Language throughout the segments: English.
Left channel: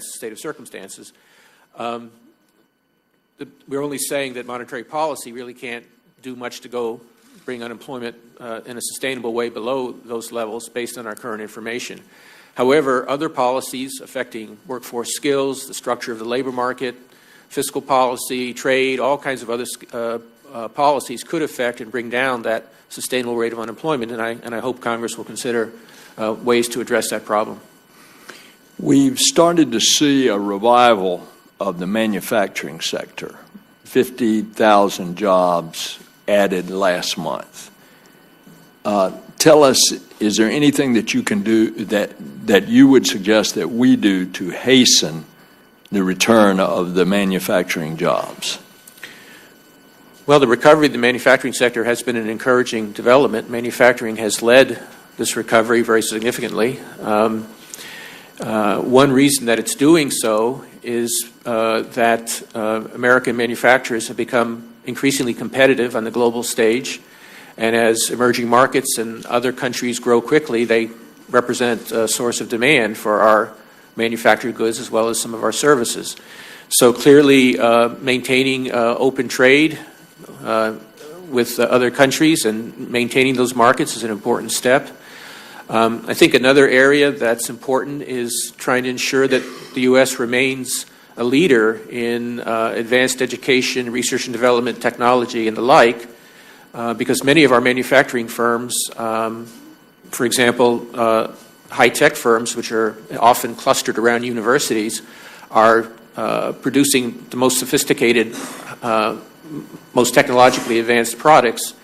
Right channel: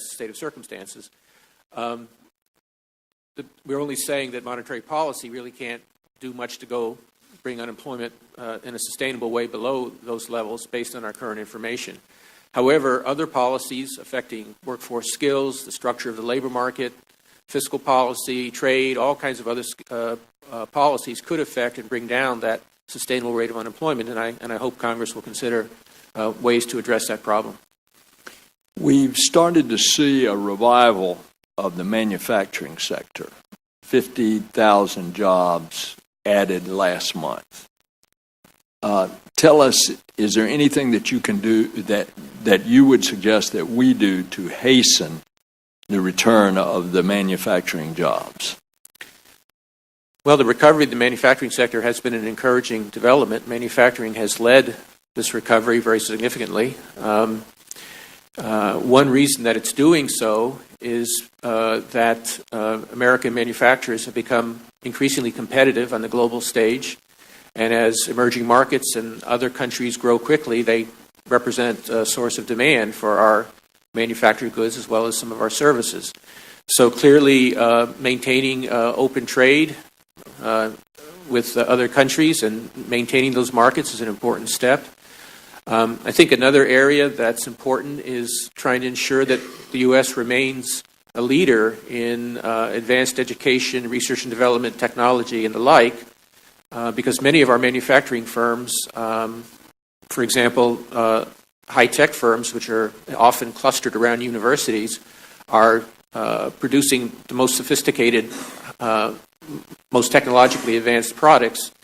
state of circumstances. We're only saying that monetary policy really can't do much to go bring unemployment in a sustainable way below those levels based on our current information. However, other policies affecting workforce skills, the structure of the labor market, fiscal policy, trade, all kinds of other policies could affect and bring down that sustainable rate of unemployment, and I hope Congress will consider ways to address that problem. We've started to see a revival of the manufacturing sector. 50,000 jobs added last month. Tell us, is there anything that you can do that you would suggest that we do to hasten the return of the manufacturing jobs? Well, the recovery of the manufacturing sector has been an encouraging development. Manufacturing has led this recovery very significantly. One reason that it's doing so is that American manufacturers have become increasingly competitive on the global stage, and as emerging markets and other countries grow quickly, they represent a source of demand for our manufactured goods as well as some of our services. So clearly maintaining open trade with other countries and maintaining those markets is an important step. I think another area that's important is trying to ensure that the U.S. remains a leader in advanced education, research and development, technology, and the like, because many of our manufacturing firms, for example, high-tech firms, which are often clustered around universities, are producing the most sophisticated, most technologically advanced products.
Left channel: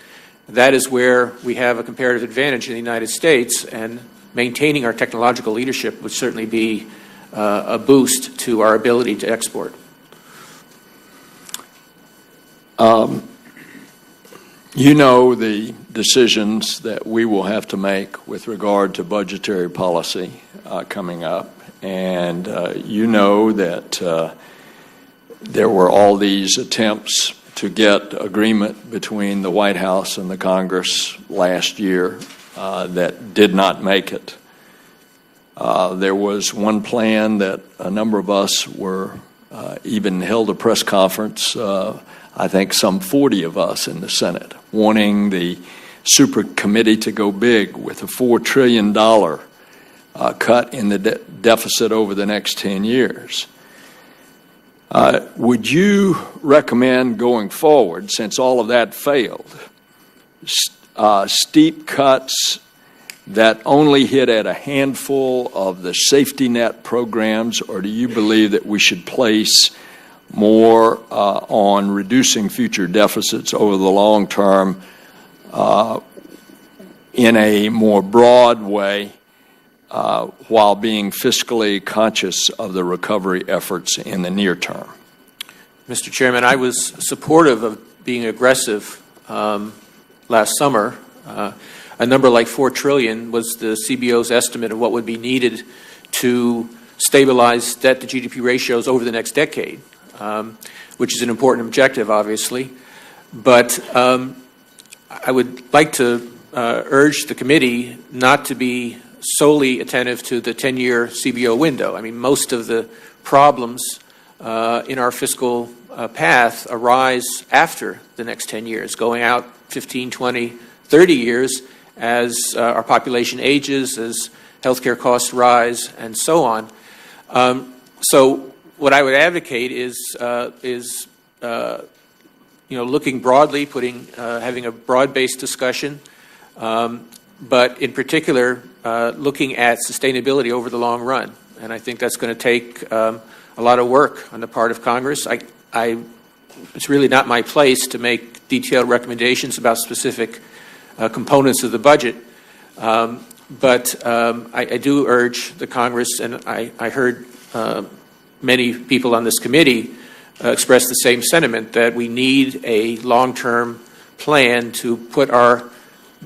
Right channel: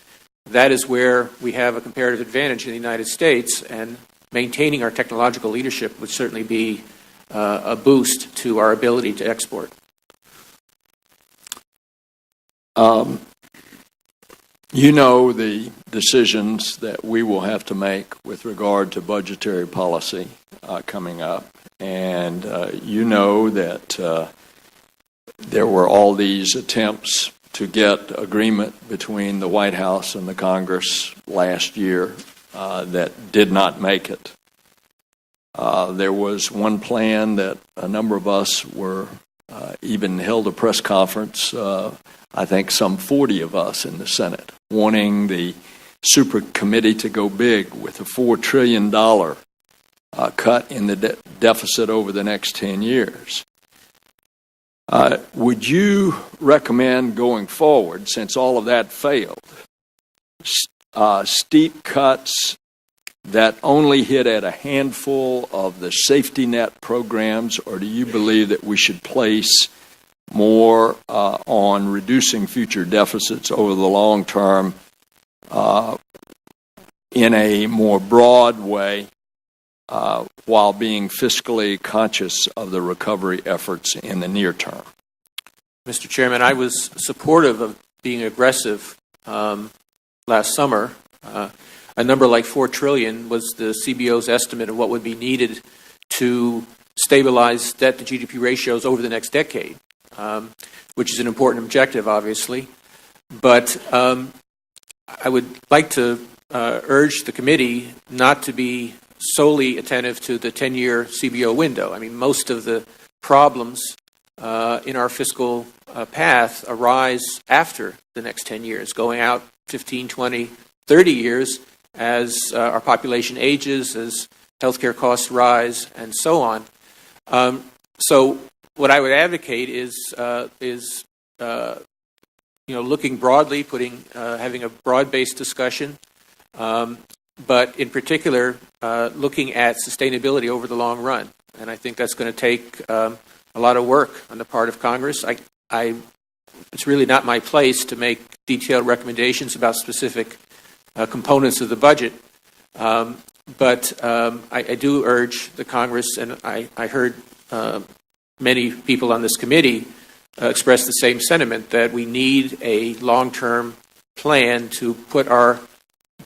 That is where we have a comparative advantage in the United States, and maintaining our technological leadership would certainly be a boost to our ability to export. You know the decisions that we will have to make with regard to budgetary policy coming up, and you know that there were all these attempts to get agreement between the White House and the Congress last year that did not make it. There was one plan that a number of us were even held a press conference, I think some 40 of us in the Senate, wanting the super committee to go big with a $4 trillion cut in the deficit over the next 10 years. Would you recommend going forward, since all of that failed, steep cuts that only hit at a handful of the safety net programs, or do you believe that we should place more on reducing future deficits over the long term in a more broad way while being fiscally conscious of the recovery efforts in the near term? Mr. Chairman, I was supportive of being aggressive last summer. A number like $4 trillion was the CBO's estimate of what would be needed to stabilize debt to GDP ratios over the next decade, which is an important objective, obviously. But I would like to urge the committee not to be solely attentive to the 10-year CBO window. I mean, most of the problems in our fiscal path arise after the next 10 years, going out 15, 20, 30 years as our population ages, as healthcare costs rise, and so on. So what I would advocate is looking broadly, having a broad-based discussion, but in particular, looking at sustainability over the long run. And I think that's going to take a lot of work on the part of Congress. It's really not my place to make detailed recommendations about specific components of the budget, but I do urge the Congress, and I heard many people on this committee express the same sentiment, that we need a long-term plan to put our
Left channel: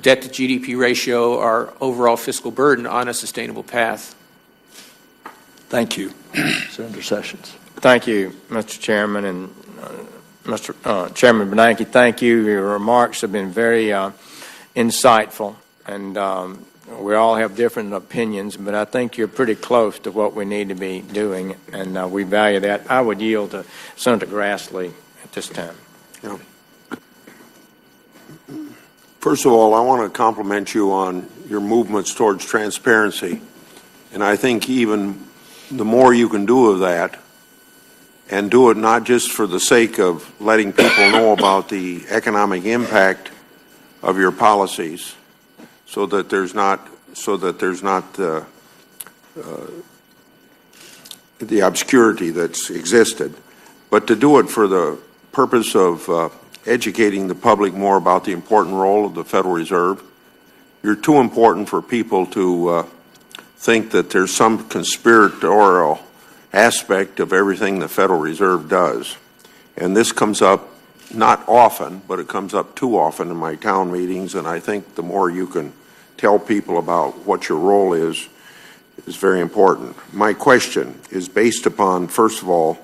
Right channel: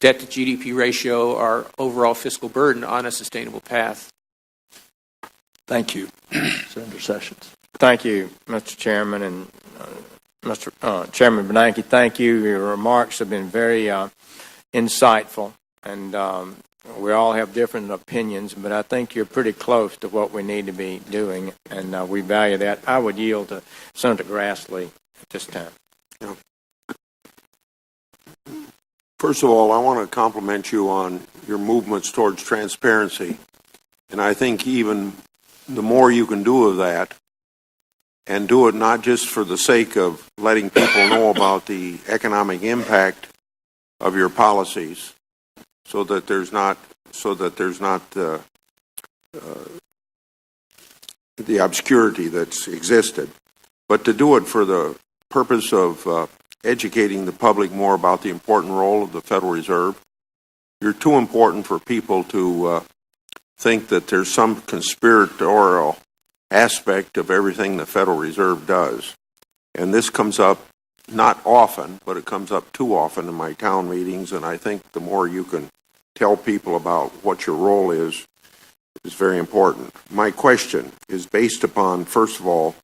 debt to GDP ratio, our overall fiscal burden, on a sustainable path. Thank you. Senator Sessions. Thank you, Mr. Chairman, and Mr. Chairman Bernanke, thank you. Your remarks have been very insightful, and We all have different opinions, but I think you're pretty close to what we need to be doing, and we value that. I would yield to Senator Grassley at this time. Yeah. First of all, I want to compliment you on your movements towards transparency. And I think even the more you can do of that, and do it not just for the sake of letting people know about the economic impact of your policies, so that there's not the obscurity that's existed, but to do it for the purpose of educating the public more about the important role of the Federal Reserve. You're too important for people to think that there's some conspiratorial aspect of everything the Federal Reserve does. And this comes up not often, but it comes up too often in my town meetings, and I think the more you can tell people about what your role is very important. My question is based upon, first of all,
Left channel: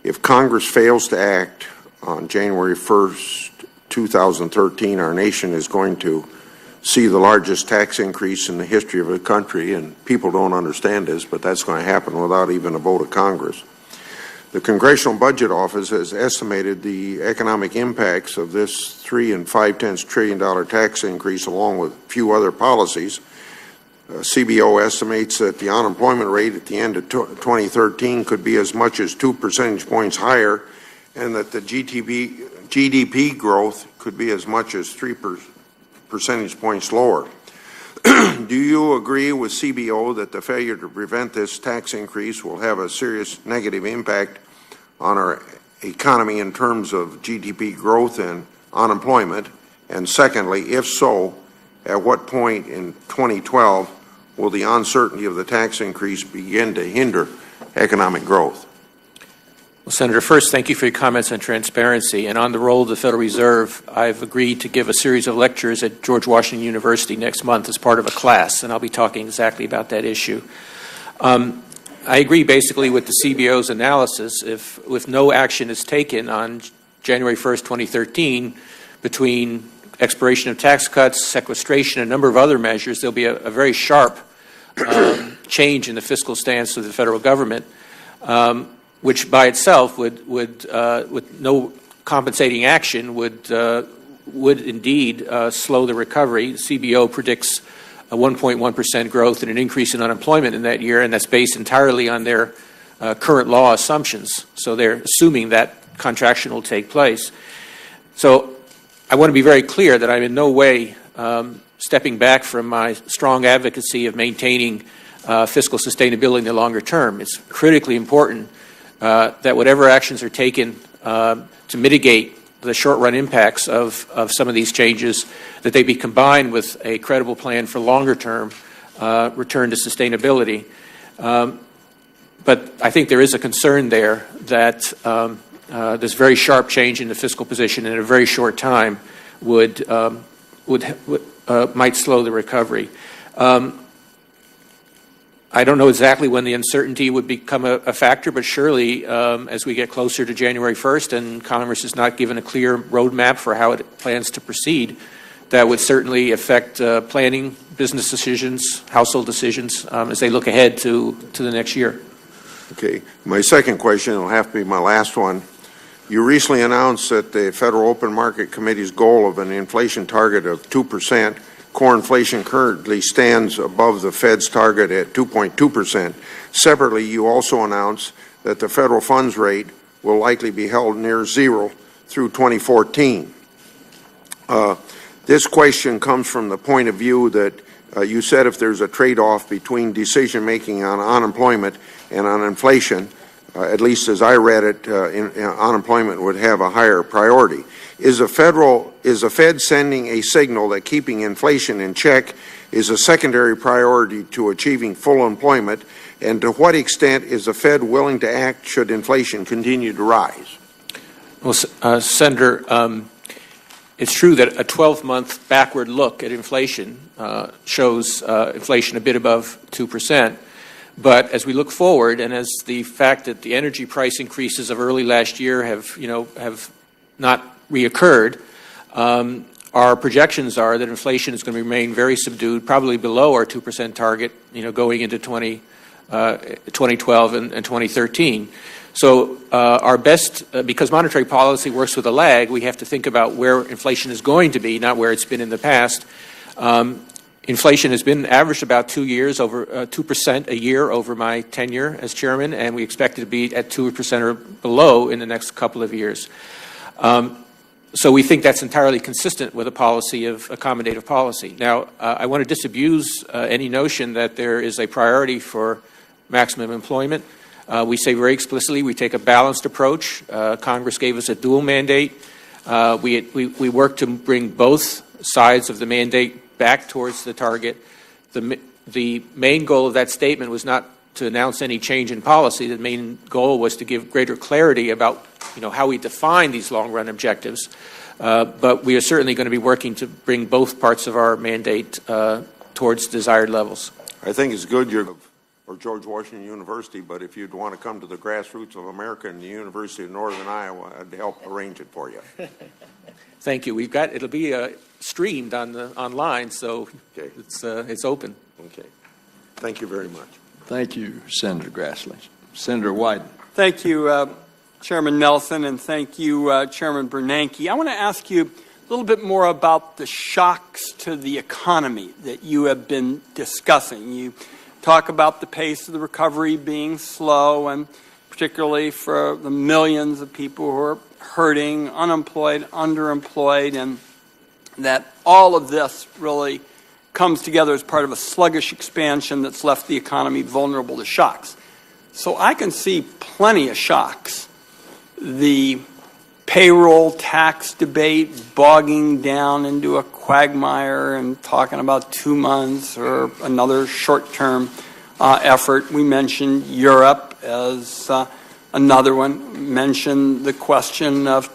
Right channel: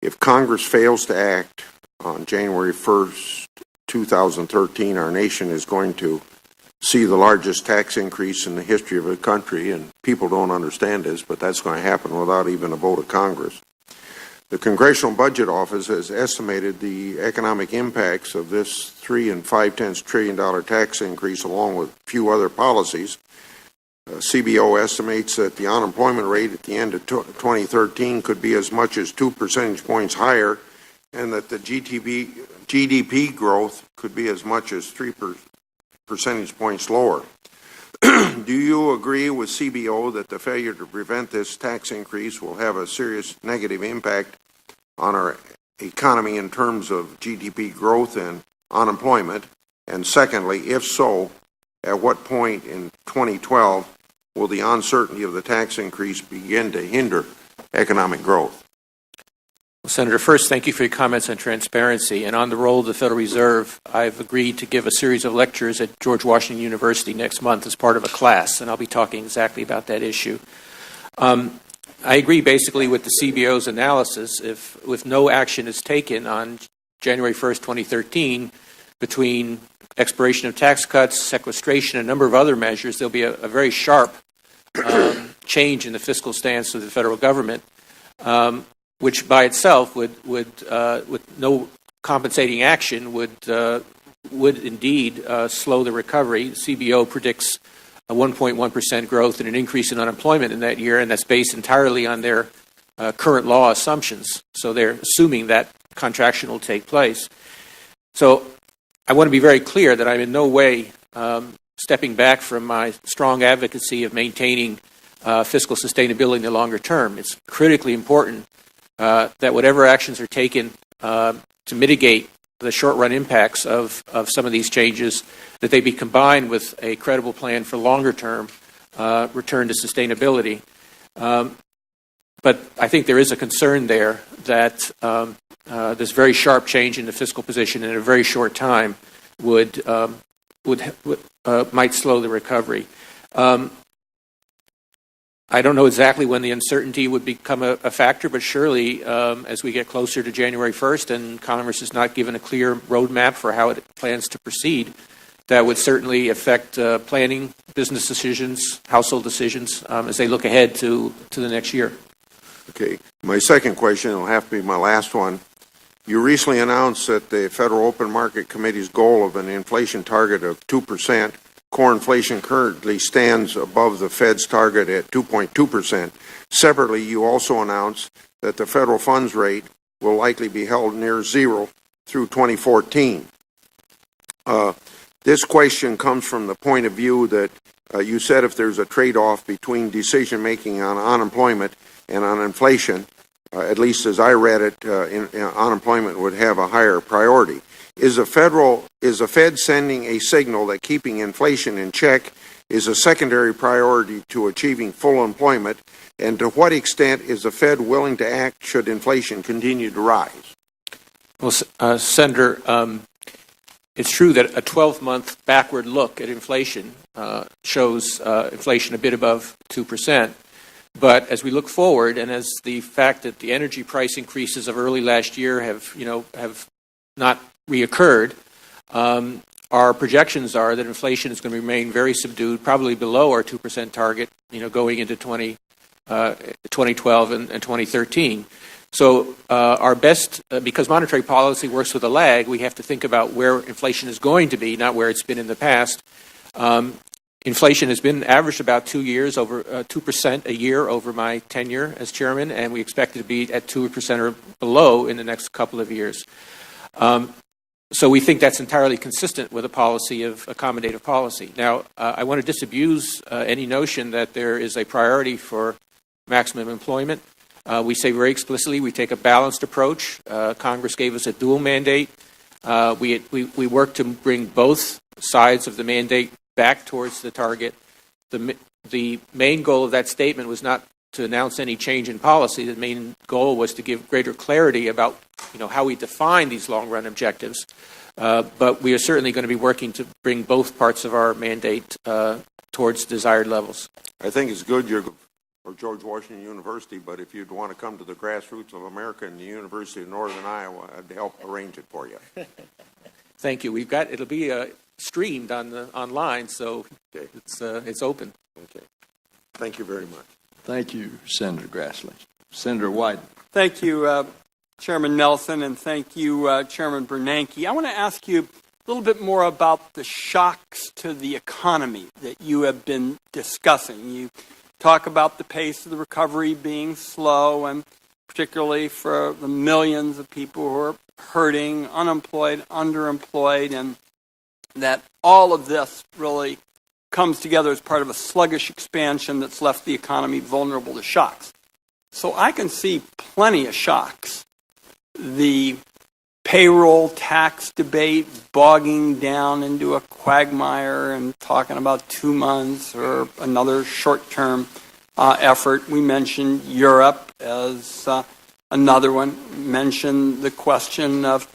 if Congress fails to act on January 1st, 2013, our nation is going to see the largest tax increase in the history of the country, and people don't understand this, but that's going to happen without even a vote of Congress. The Congressional Budget Office has estimated the economic impacts of this $3 5/10 trillion tax increase, along with a few other policies. CBO estimates that the unemployment rate at the end of 2013 could be as much as 2 percentage points higher, and that the GDP growth could be as much as 3 percentage points lower. Do you agree with CBO that the failure to prevent this tax increase will have a serious negative impact on our economy in terms of GDP growth and unemployment? And secondly, if so, at what point in 2012 will the uncertainty of the tax increase begin to hinder economic growth? Well, Senator, first, thank you for your comments on transparency. And on the role of the Federal Reserve, I've agreed to give a series of lectures at George Washington University next month as part of a class, and I'll be talking exactly about that issue. I agree basically with the CBO's analysis. If no action is taken on January 1st, 2013, between expiration of tax cuts, sequestration, and a number of other measures, there'll be a very sharp change in the fiscal stance of the federal government, which by itself would with no compensating action, would indeed slow the recovery. CBO predicts a 1.1% growth and an increase in unemployment in that year, and that's based entirely on their current law assumptions. So they're assuming that contraction will take place. So I want to be very clear that I'm in no way stepping back from my strong advocacy of maintaining fiscal sustainability in the longer term. It's critically important that whatever actions are taken to mitigate the short-run impacts of some of these changes, that they be combined with a credible plan for longer-term return to sustainability. But I think there is a concern there that this very sharp change in the fiscal position in a very short time might slow the recovery. I don't know exactly when the uncertainty would become a factor, but surely as we get closer to January 1st and Congress is not given a clear roadmap for how it plans to proceed, that would certainly affect planning, business decisions, household decisions as they look ahead to the next year. Okay. My second question will have to be my last one. You recently announced that the Federal Open Market Committee's goal of an inflation target of 2%. Core inflation currently stands above the Fed's target at 2.2%. Separately, you also announced that the federal funds rate will likely be held near zero through 2014. This question comes from the point of view that you said if there's a trade-off between decision-making on unemployment and on inflation, at least as I read it, unemployment would have a higher priority. Is the Fed sending a signal that keeping inflation in check is a secondary priority to achieving full employment? And to what extent is the Fed willing to act should inflation continue to rise? Well, Senator, it's true that a 12-month backward look at inflation shows inflation a bit above 2%. But as we look forward, and as the fact that the energy price increases of early last year have not reoccurred, our projections are that inflation is going to remain very subdued, probably below our 2% target, going into 2012 and 2013. So our best, because monetary policy works with a lag, we have to think about where inflation is going to be, not where it's been in the past. Inflation has been averaged about 2% a year over my tenure as chairman, and we expect it to be at 2% or below in the next couple of years. So we think that's entirely consistent with a policy of accommodative policy. Now, I want to disabuse any notion that there is a priority for maximum employment. We say very explicitly we take a balanced approach. Congress gave us a dual mandate. We work to bring both sides of the mandate back towards the target. The main goal of that statement was not to announce any change in policy. The main goal was to give greater clarity about how we define these long-run objectives. But we are certainly going to be working to bring both parts of our mandate towards desired levels. I think it's good you're for George Washington University, but if you'd want to come to the grassroots of America and the University of Northern Iowa, I'd help arrange it for you. Thank you. It'll be streamed online, so Okay. it's open. Okay. Thank you very much. Thank you, Senator Grassley. Senator Wyden. Thank you, Chairman Nelson, and thank you, Chairman Bernanke. I want to ask you a little bit more about the shocks to the economy that you have been discussing. You talk about the pace of the recovery being slow, and particularly for the millions of people who are hurting, unemployed, underemployed, and that all of this really comes together as part of a sluggish expansion that's left the economy vulnerable to shocks. So I can see plenty of shocks. The payroll tax debate bogging down into a quagmire and talking about 2 months or another short-term effort. We mentioned Europe as another one. We mentioned the question of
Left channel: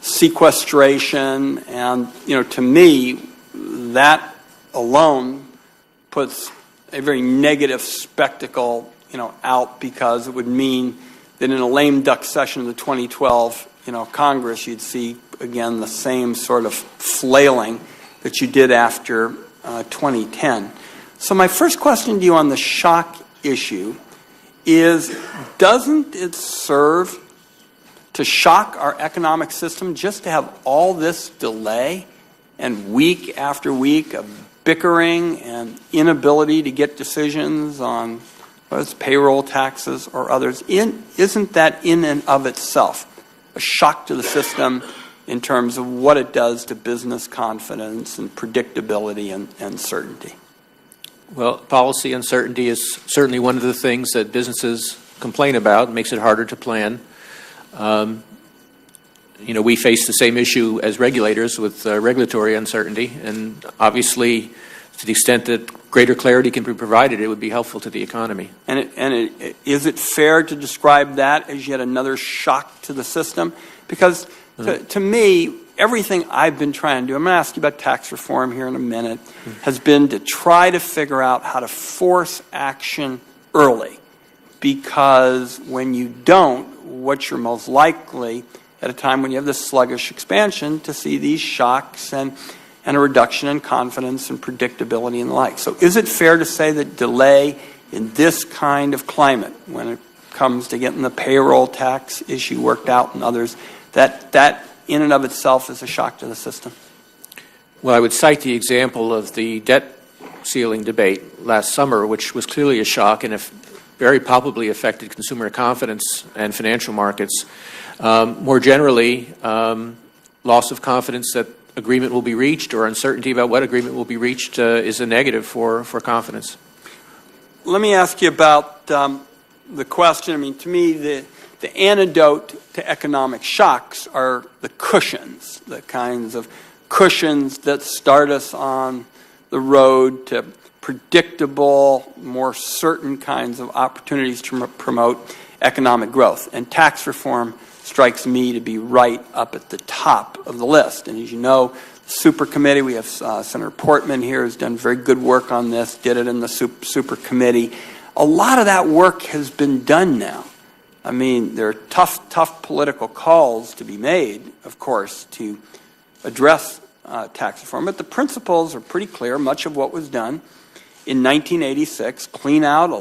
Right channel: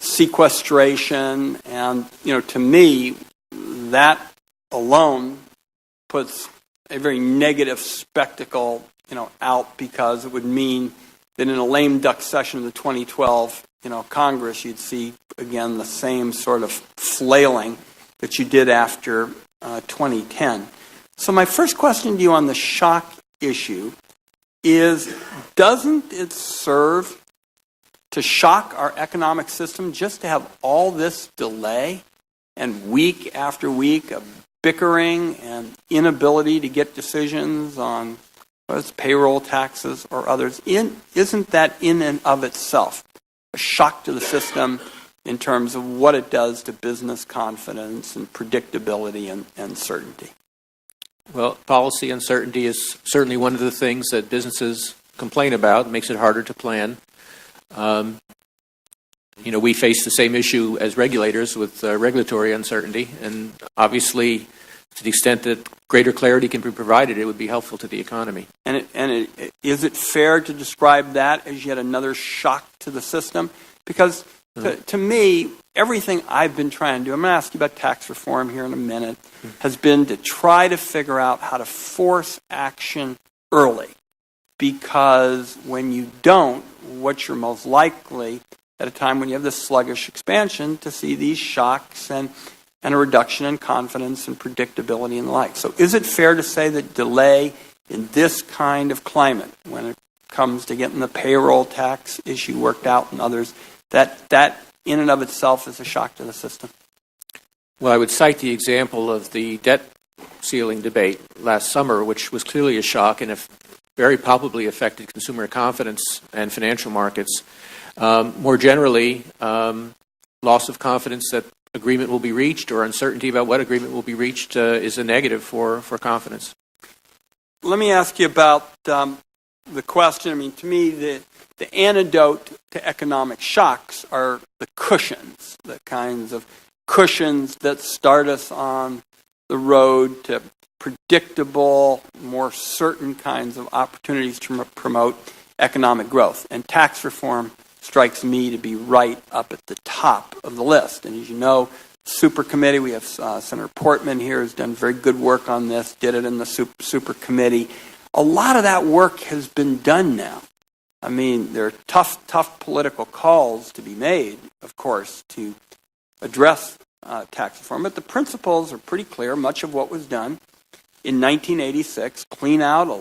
sequestration, and to me, that alone puts a very negative spectacle out, because it would mean that in a lame duck session of the 2012 Congress, you'd see again the same sort of flailing that you did after 2010. So my first question to you on the shock issue is, doesn't it serve to shock our economic system just to have all this delay and week after week of bickering and inability to get decisions on whether it's payroll taxes or others? Isn't that in and of itself a shock to the system in terms of what it does to business confidence and predictability and certainty? Well, policy uncertainty is certainly one of the things that businesses complain about. It makes it harder to plan. We face the same issue as regulators with regulatory uncertainty, and obviously, to the extent that greater clarity can be provided, it would be helpful to the economy. Is it fair to describe that as yet another shock to the system? Because to me, everything I've been trying to do, I'm going to ask you about tax reform here in a minute, has been to try to figure out how to force action early. Because when you don't, what you're most likely, at a time when you have this sluggish expansion, to see these shocks and a reduction in confidence and predictability and the like. So is it fair to say that delay in this kind of climate, when it comes to getting the payroll tax issue worked out and others, that in and of itself is a shock to the system? Well, I would cite the example of the debt ceiling debate last summer, which was clearly a shock and very palpably affected consumer confidence and financial markets. More generally, loss of confidence that agreement will be reached, or uncertainty about what agreement will be reached, is a negative for confidence. Let me ask you about the question. I mean, to me, the antidote to economic shocks are the cushions, the kinds of cushions that start us on the road to predictable, more certain kinds of opportunities to promote economic growth. And tax reform strikes me to be right up at the top of the list. And as you know, super committee, we have Senator Portman here who's done very good work on this, did it in the super committee. A lot of that work has been done now. I mean, there are tough political calls to be made, of course, to address tax reform, but the principles are pretty clear. Much of what was done in 1986, clean out a